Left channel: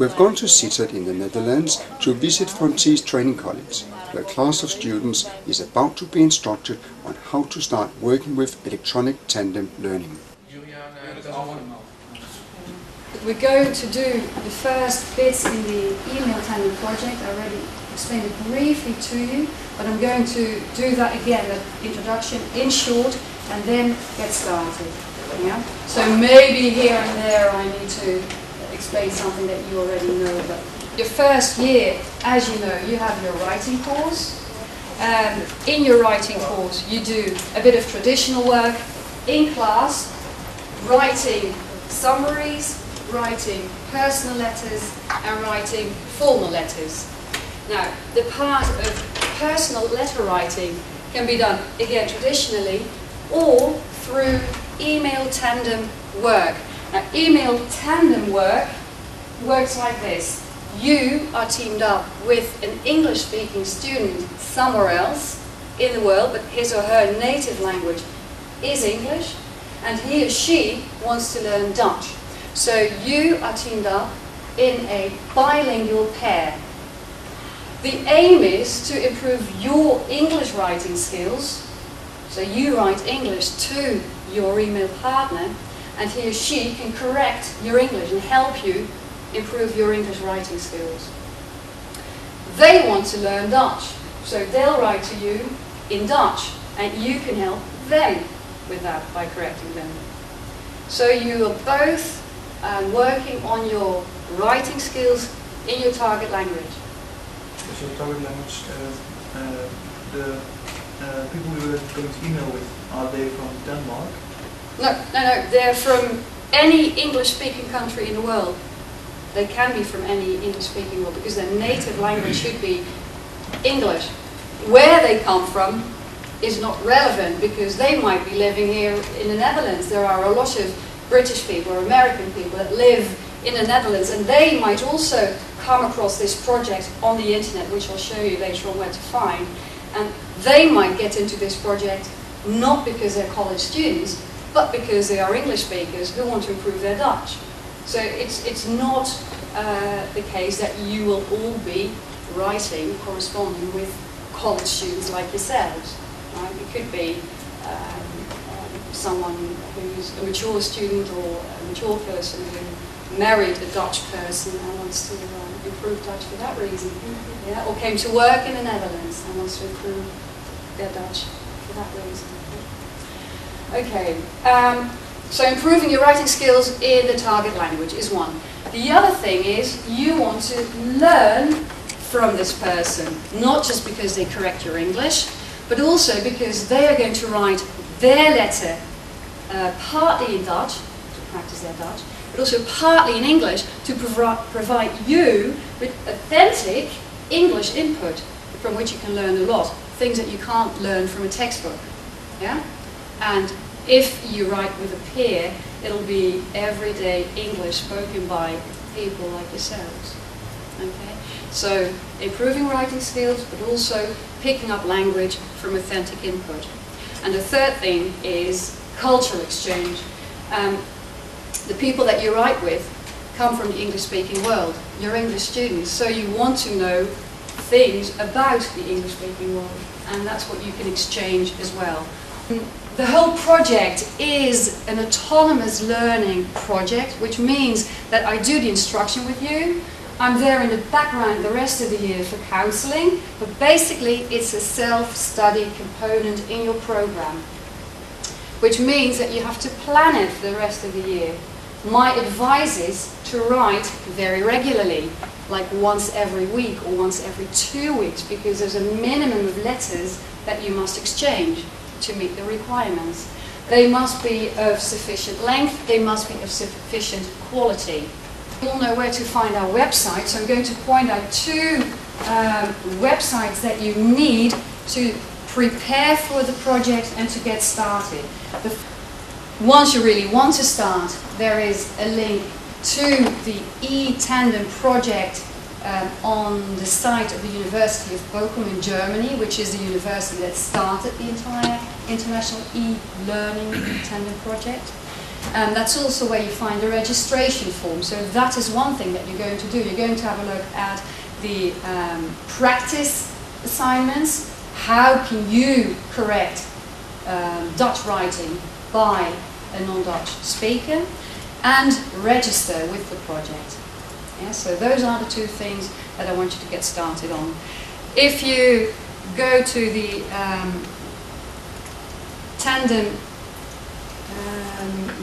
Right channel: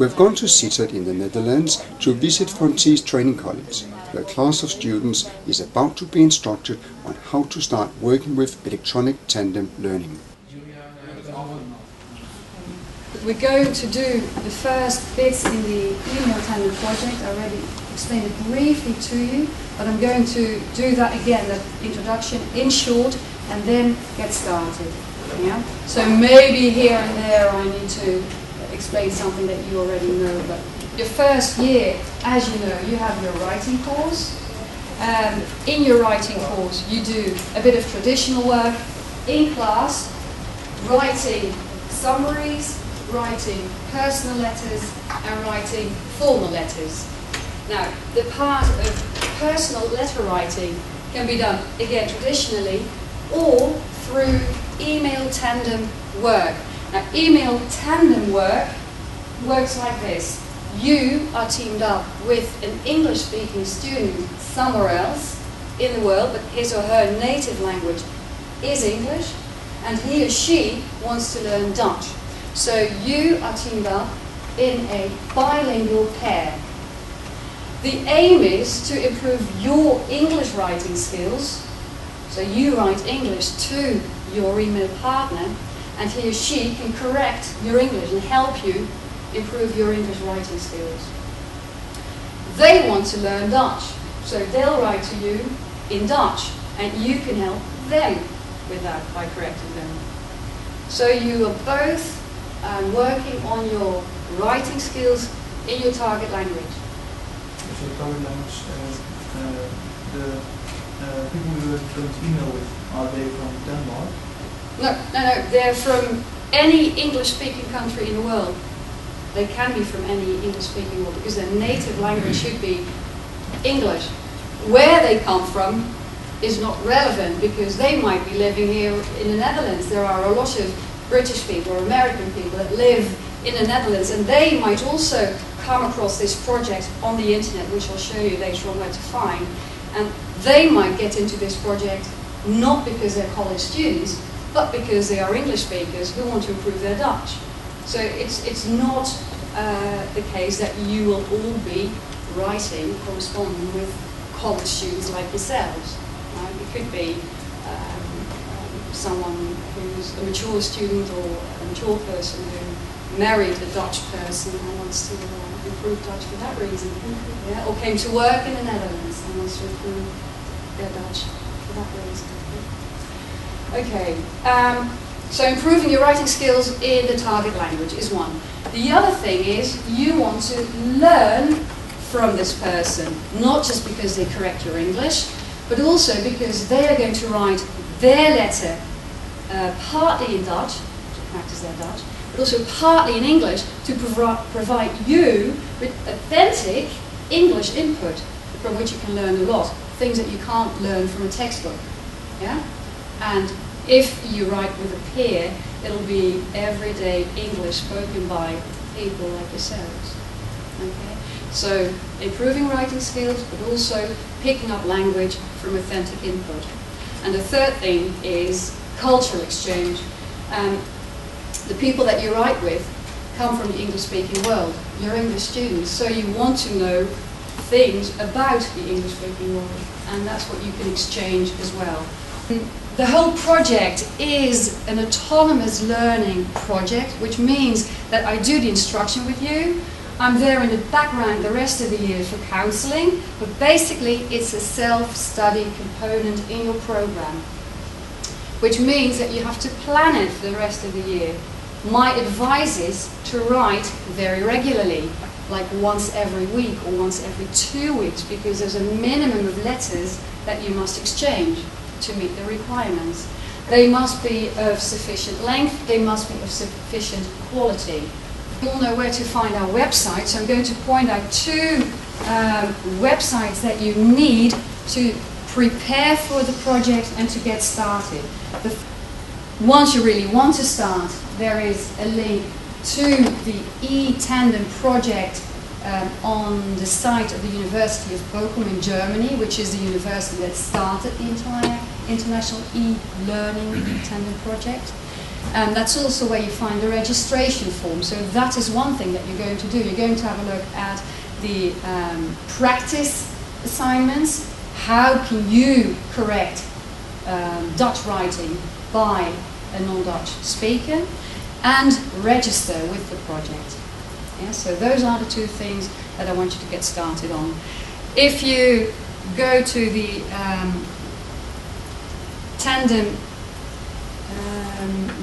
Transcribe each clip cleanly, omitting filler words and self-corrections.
We've gone to Sittard in the Netherlands to visit Frontiers Training College, where a class of students is about to be instructed on how to start working with electronic tandem learning. We're going to do the first bits in the email tandem project. I already explained it briefly to you, but I'm going to do that again, that introduction in short, and then get started. Yeah? So maybe here and there I need to explain something that you already know. But your first year, as you know, you have your writing course. In your writing course you do a bit of traditional work in class, writing summaries, writing personal letters and writing formal letters. Now, the part of personal letter writing can be done, again, traditionally or through email tandem work. Now, email tandem work works like this. You are teamed up with an English-speaking student somewhere else in the world, but his or her native language is English, and he or she wants to learn Dutch. So you are teamed up in a bilingual pair. The aim is to improve your English writing skills. So you write English to your email partner, and he or she can correct your English and help you improve your English writing skills. They want to learn Dutch, so they'll write to you in Dutch, and you can help them with that by correcting them. So you are both working on your writing skills in your target language. So your target language, the people you are going to email with, are they from Denmark? No, they're from any English-speaking country in the world. They can be from any English-speaking world because their native language should be English. Where they come from is not relevant because they might be living here in the Netherlands. There are a lot of British people or American people that live in the Netherlands, and they might also come across this project on the internet, which I'll show you later on where to find. And they might get into this project not because they're college students, but because they are English speakers who want to improve their Dutch. So it's not the case that you will all be writing, corresponding with college students like yourselves. Right? It could be someone who's a mature student or a mature person who married a Dutch person and wants to improve Dutch for that reason. Yeah? Or came to work in the Netherlands and wants to improve their Dutch for that reason. Okay, so improving your writing skills in the target language is one. The other thing is you want to learn from this person, not just because they correct your English, but also because they are going to write their letter partly in Dutch, to practice their Dutch, but also partly in English to provide you with authentic English input from which you can learn a lot, things that you can't learn from a textbook. Yeah? And if you write with a peer, it'll be everyday English spoken by people like yourselves. Okay? So improving writing skills, but also picking up language from authentic input. And the third thing is cultural exchange. The people that you write with come from the English-speaking world. You're English students, so you want to know things about the English-speaking world, and that's what you can exchange as well. The whole project is an autonomous learning project, which means that I do the instruction with you. I'm there in the background the rest of the year for counseling, but basically it's a self-study component in your program, which means that you have to plan it for the rest of the year. My advice is to write very regularly, like once every week or once every 2 weeks, because there's a minimum of letters that you must exchange to meet the requirements. They must be of sufficient length, they must be of sufficient quality. You all know where to find our website, so I'm going to point out two websites that you need to prepare for the project and to get started. Once you really want to start, there is a link to the e-Tandem project on the site of the University of Bochum in Germany, which is the university that started the entire international e-learning tandem project. And that's also where you find the registration form. So that is one thing that you're going to do. You're going to have a look at the practice assignments. How can you correct Dutch writing by a non-Dutch speaker, and register with the project. Yeah, so those are the two things that I want you to get started on. If you go to the Tandem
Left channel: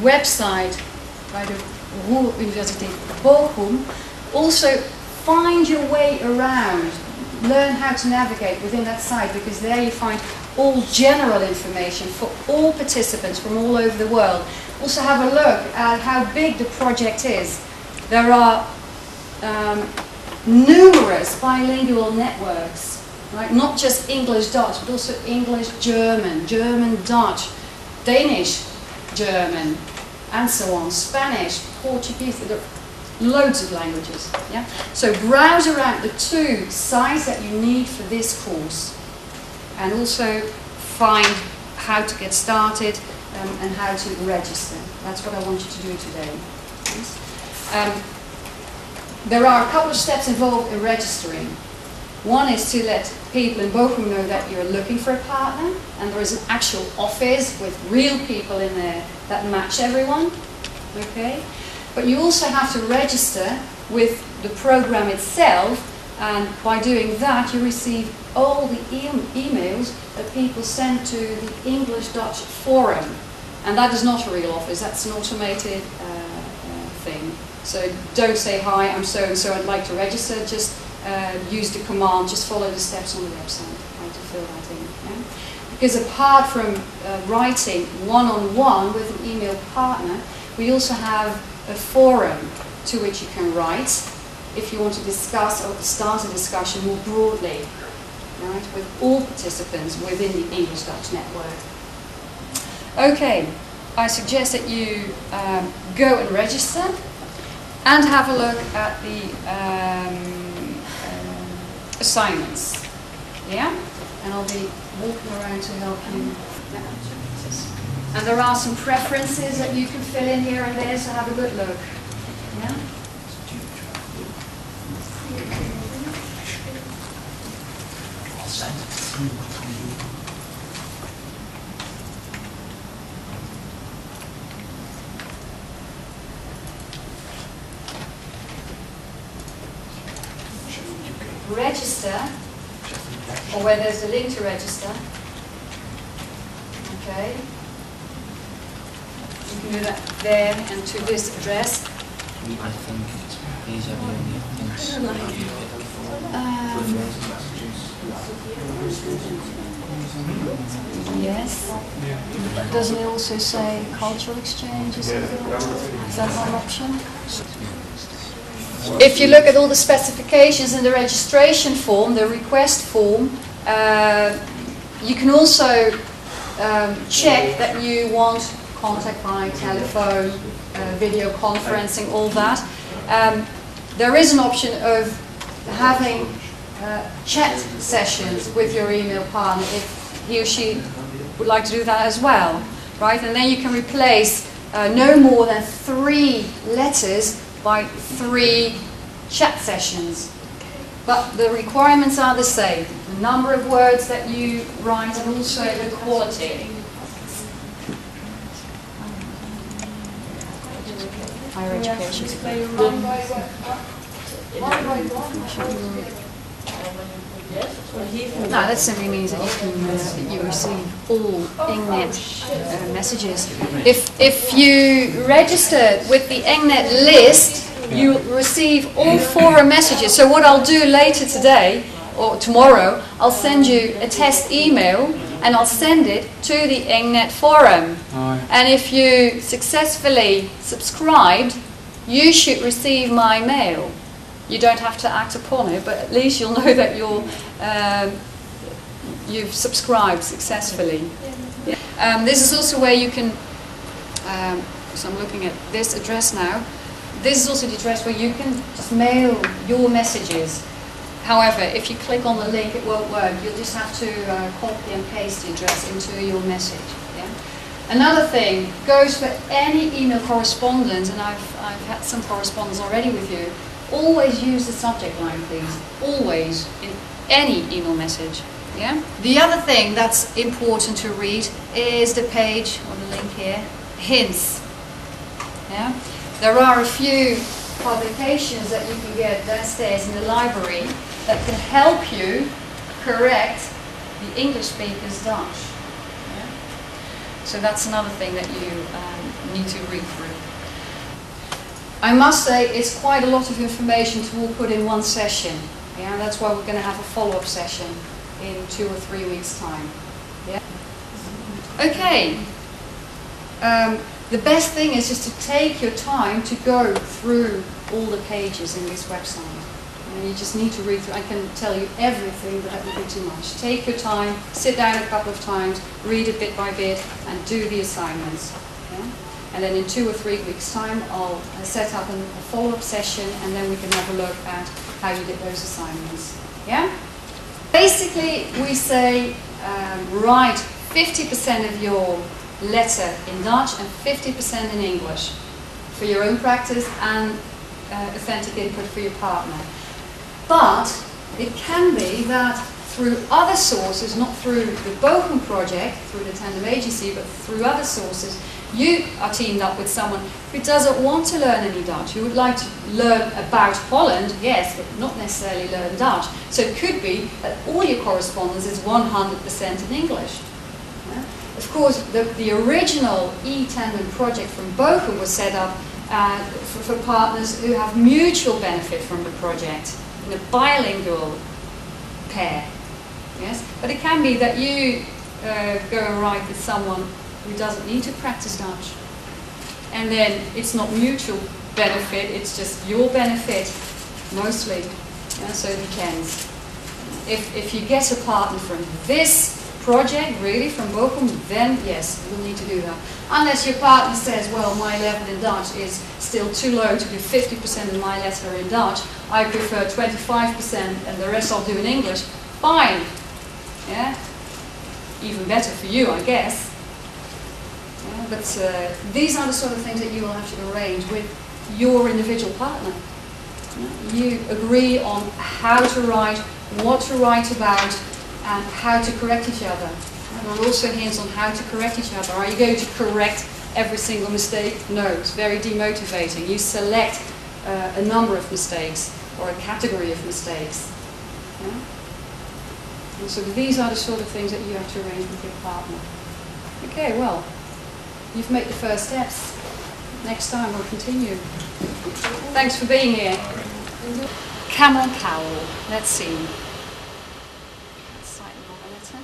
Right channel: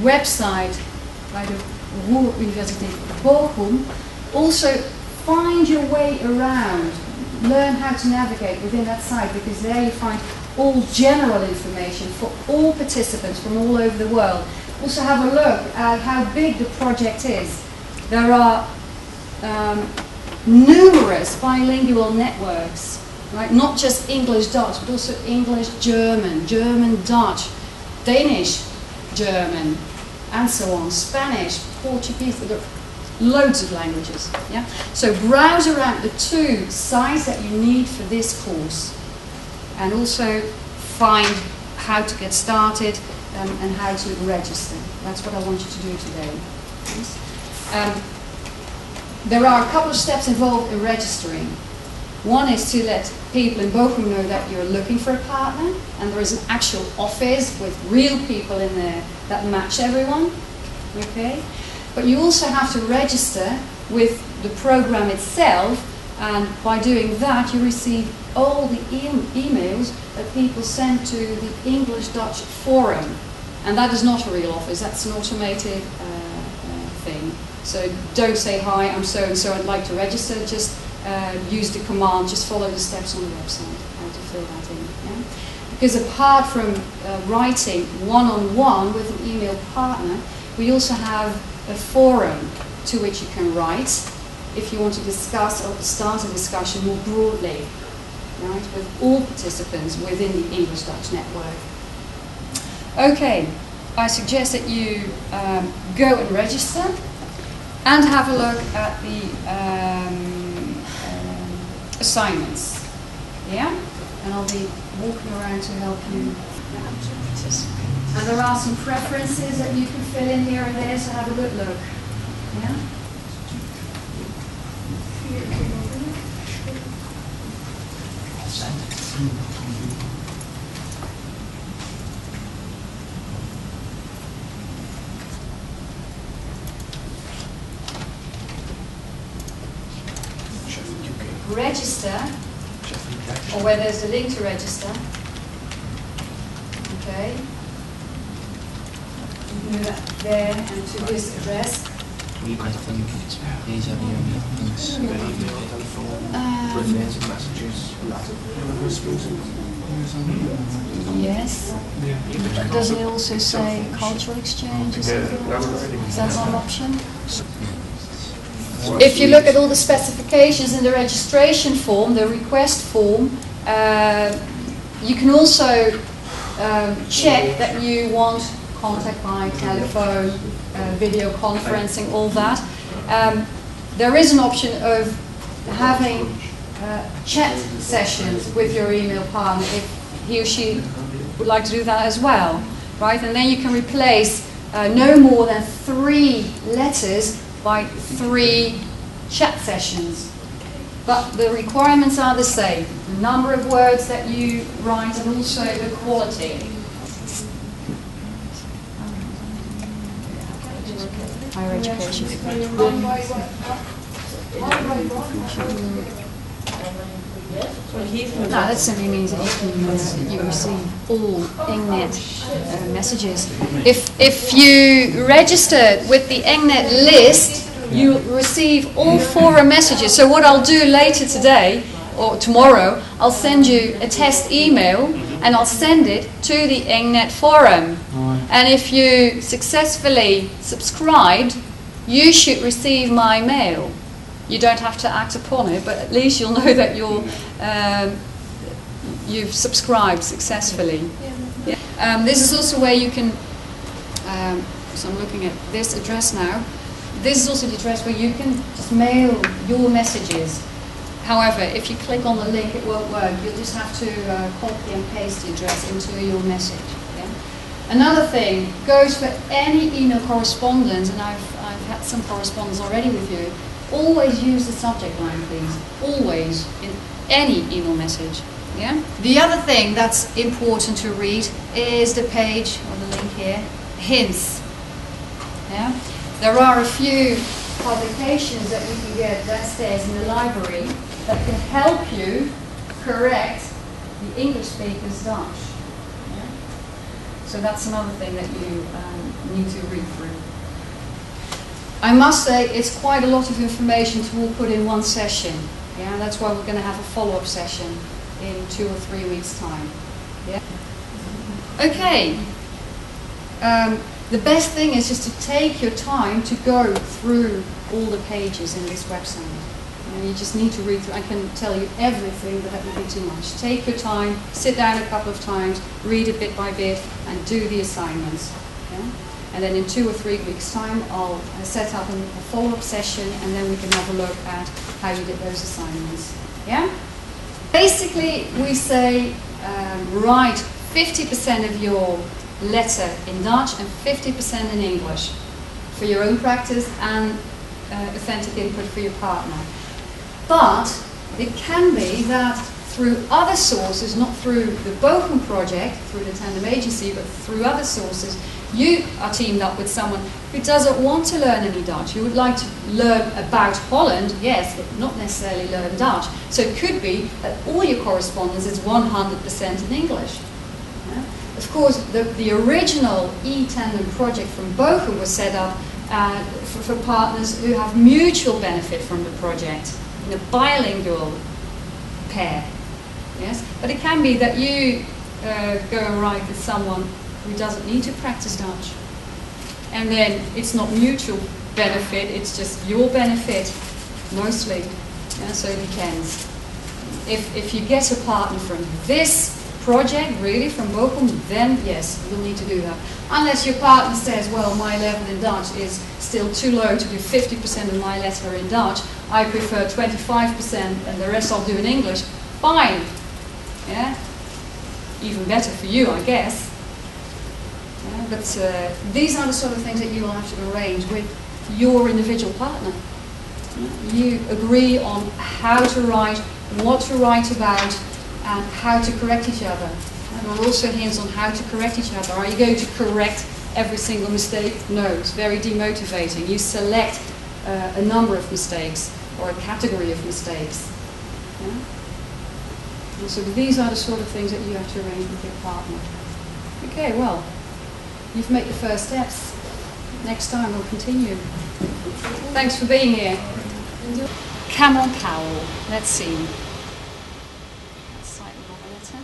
website by the Ruhr Universiteit Bochum, also find your way around, learn how to navigate within that site, because there you find all general information for all participants from all over the world. Also have a look at how big the project is. There are numerous bilingual networks, right? Not just English-Dutch, but also English-German, German-Dutch, Danish-German, and so on, Spanish, Portuguese, there are loads of languages. Yeah? So browse around the two sites that you need for this course, and also find how to get started and how to register. That's what I want you to do today. There are a couple of steps involved in registering. One is to let people in Bochum know that you're looking for a partner, and there is an actual office with real people in there that match everyone. Okay? But you also have to register with the program itself, and by doing that you receive all the emails that people send to the English-Dutch forum. And that is not a real office, that's an automated thing. So don't say, hi, I'm so-and-so, I'd like to register, just use the command, just follow the steps on the website, how to fill that in. Yeah? Because apart from writing one-on-one with an email partner, we also have a forum to which you can write if you want to discuss or start a discussion more broadly, right, with all participants within the English-Dutch network. Okay, I suggest that you go and register and have a look at the assignments. Yeah? And I'll be walking around to help you. And there are some preferences that you can fill in here and there, so have a good look. Yeah? Register, or where there's a link to register. Okay. You can do that there and to this address. I think these are the only things that you pick. Yes. But doesn't it also say cultural exchange or something? Is that not an option? If you look at all the specifications in the registration form, the request form, you can also check that you want contact by telephone, video conferencing, all that. There is an option of having chat sessions with your email partner if he or she would like to do that as well, right? And then you can replace no more than 3 letters by 3 chat sessions. But the requirements are the same. The number of words that you write and also the quality. Higher education. No, that simply means that you can that you receive all Engnet messages. If you register with the Engnet list, you receive all forum messages. So what I'll do later today or tomorrow, I'll send you a test email and I'll send it to the Engnet forum. And if you successfully subscribed, you should receive my mail. You don't have to act upon it, but at least you'll know that you've subscribed successfully. Yeah. This is also where you can, so I'm looking at this address now. This is also the address where you can just mail your messages. However, if you click on the link, it won't work. You'll just have to copy and paste the address into your message. Yeah? Another thing goes for any email correspondence, and I've had some correspondence already with you. Always use the subject line, please. Always, in any email message. Yeah? The other thing that's important to read is the page, or the link here, hints. Yeah? There are a few publications that you can get downstairs in the library that can help you correct the English speaker's Dutch. Yeah? So that's another thing that you need to read through. I must say it's quite a lot of information to all put in one session. Yeah? That's why we're going to have a follow-up session in 2 or 3 weeks' time. Yeah? Okay. The best thing is just to take your time to go through all the pages in this website. You just need to read through. I can tell you everything, but that would be too much. Take your time, sit down a couple of times, read it bit by bit, and do the assignments. Yeah? And then in 2 or 3 weeks' time, I'll set up a follow-up session, and then we can have a look at how you did those assignments. Yeah? Basically, we say write 50% of your letter in Dutch and 50% in English for your own practice and authentic input for your partner. But it can be that through other sources, not through the Bochum project, through the Tandem agency, but through other sources, you are teamed up with someone who doesn't want to learn any Dutch. You would like to learn about Holland, yes, but not necessarily learn Dutch. So it could be that all your correspondence is 100% in English. Yeah? Of course, the original e-Tandem project from Bochum was set up for partners who have mutual benefit from the project, in a bilingual pair. Yes? But it can be that you go and write with someone who doesn't need to practice Dutch. And then it's not mutual benefit, it's just your benefit, mostly. Yeah, so it depends. If you get a partner from this project, really, from Bochum, then yes, you'll need to do that. Unless your partner says, well, my level in Dutch is still too low to do 50% of my letter in Dutch, I prefer 25% and the rest I'll do in English, fine. Yeah? Even better for you, I guess. Yeah, but these are the sort of things that you will have to arrange with your individual partner. You agree on how to write, what to write about, and how to correct each other. And there are also hints on how to correct each other. Are you going to correct every single mistake? No, it's very demotivating. You select a number of mistakes or a category of mistakes. Yeah? And so these are the sort of things that you have to arrange with your partner. Okay, well, you've made the first steps. Next time we'll continue. Thanks for being here. Camel cowl. Let's see. Slightly longer letter.